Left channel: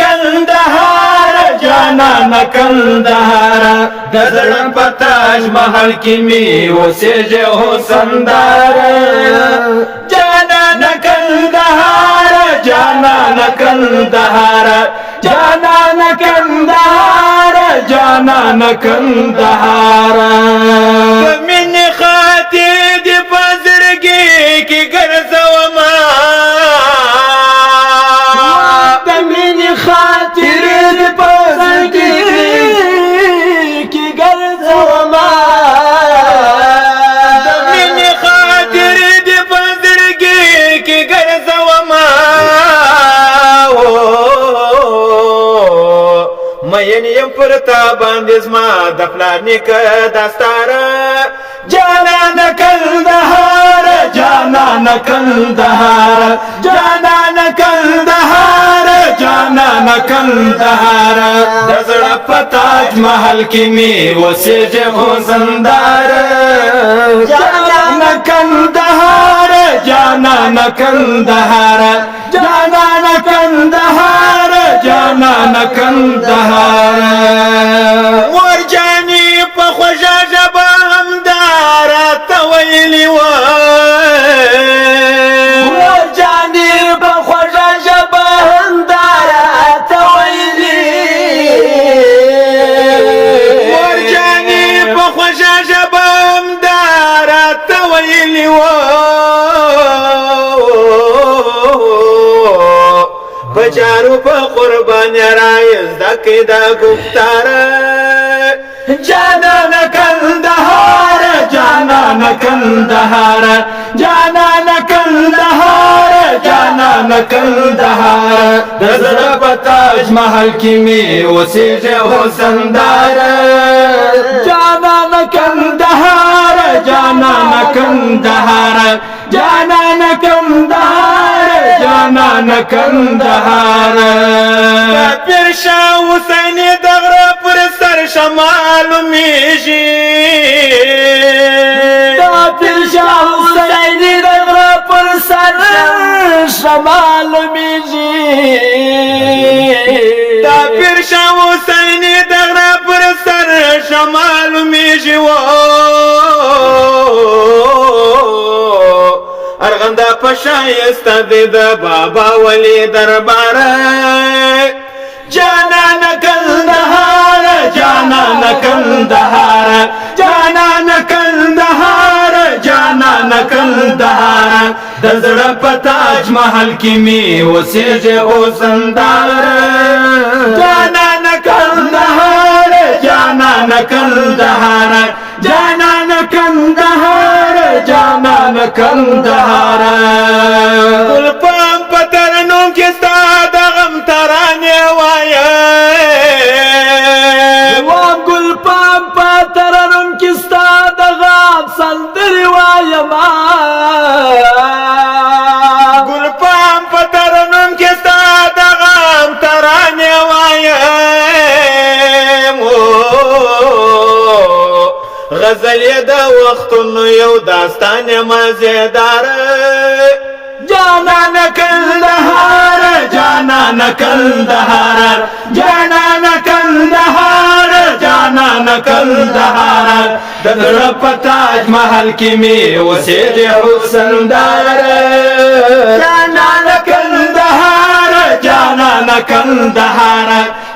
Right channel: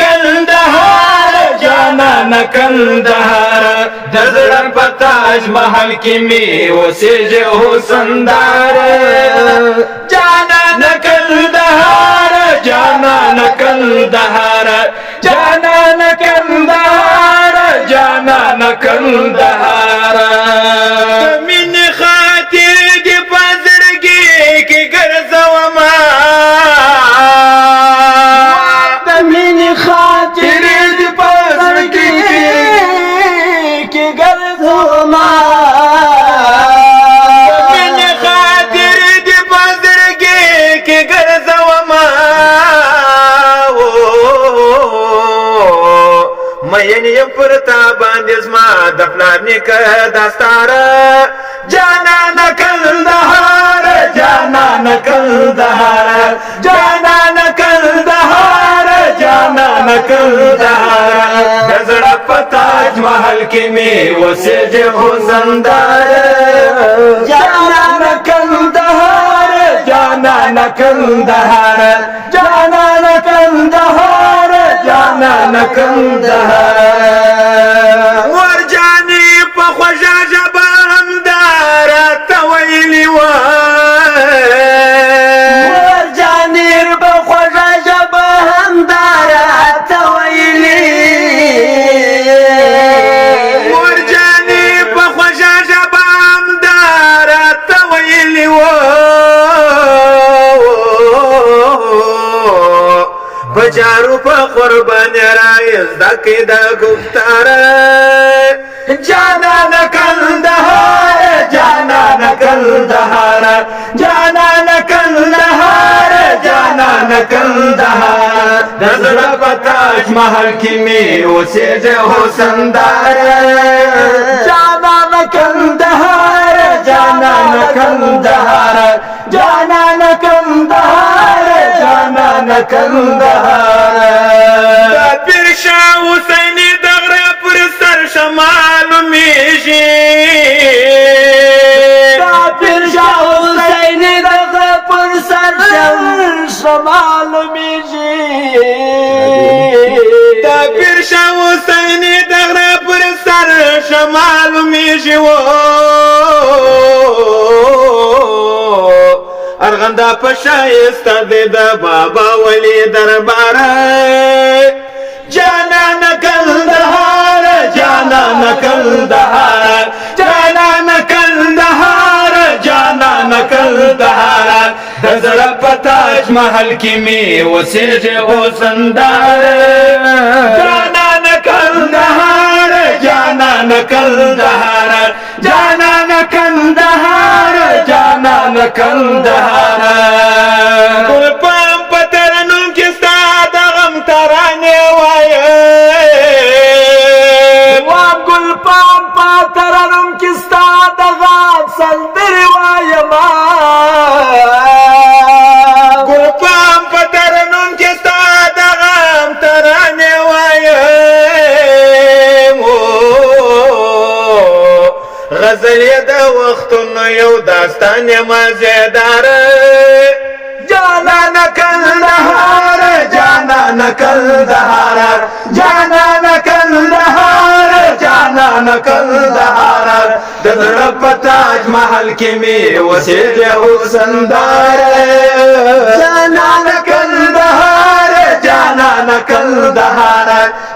کندهار جانان کندهار د زړه په تاج محل کې می اوسېږي حسندار جانان کندهار جانان کندهار جانان کندهار جانان کندهار د مینې خاطر دې په زړګي کې ګرځومه د مینې خاطر دې په زړګي کې ګرځومه د مینې خاطر دې په زړګي کې ګرځومه مین یم پر تا باندې زما د پلار نیکه داستاره جانان کندهار جانان کندهار جانان کندهار جانان کندهار د زړه په تاج محل کې می اوسېږي حسندار جانان کندهار جانان کندهار جانان کندهار جانان کندهار مور جانې په خوږه ژبه همداره ته ویلي وه مور جانې په خوږه ژبه همداره ته ویلي مور جانې په خوږه ژبه همداره ته ویلي وه بجارو په قربان رایز دکې دا گفتار جانان کندهار جانان کندهار جانان کندهار جانان کندهار د زړه په تاج محل کې می اوسېږي حسندار جانان کندهار جانان کندهار جانان کندهار جانان کندهار د پیر شاه حسین د غره پر سر شمال میږي د پیر شاه حسین د غره پر سر شمال میږي د پیر شاه حسین د غره پر سر شمال میږي ارغندا پشایسته دی د بابا ولی دربار جانان کندهار جانان کندهار جانان کندهار جانان کندهار د زړه په تاج محل کې می اوسېږي حسندار جانان کندهار جانان کندهار جانان کندهار جانان کندهار ګل پام په ترنم کې ستا د غم ترانې وایم ګل پام په ترنم کې ستا د غم سندرې وایم ګل پام په ترنم کې ستا د غم ترانې وایم غزل یې د وختونو یو داستان مزیدار جانان کندهار جانان کندهار جانان کندهار جانان کندهار د زړه په تاج محل کې می اوسېږي حسندار جانان کندهار جانان کندهار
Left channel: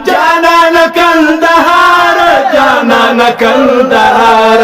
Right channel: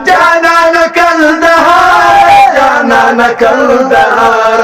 جانان کندهار جانان کندهار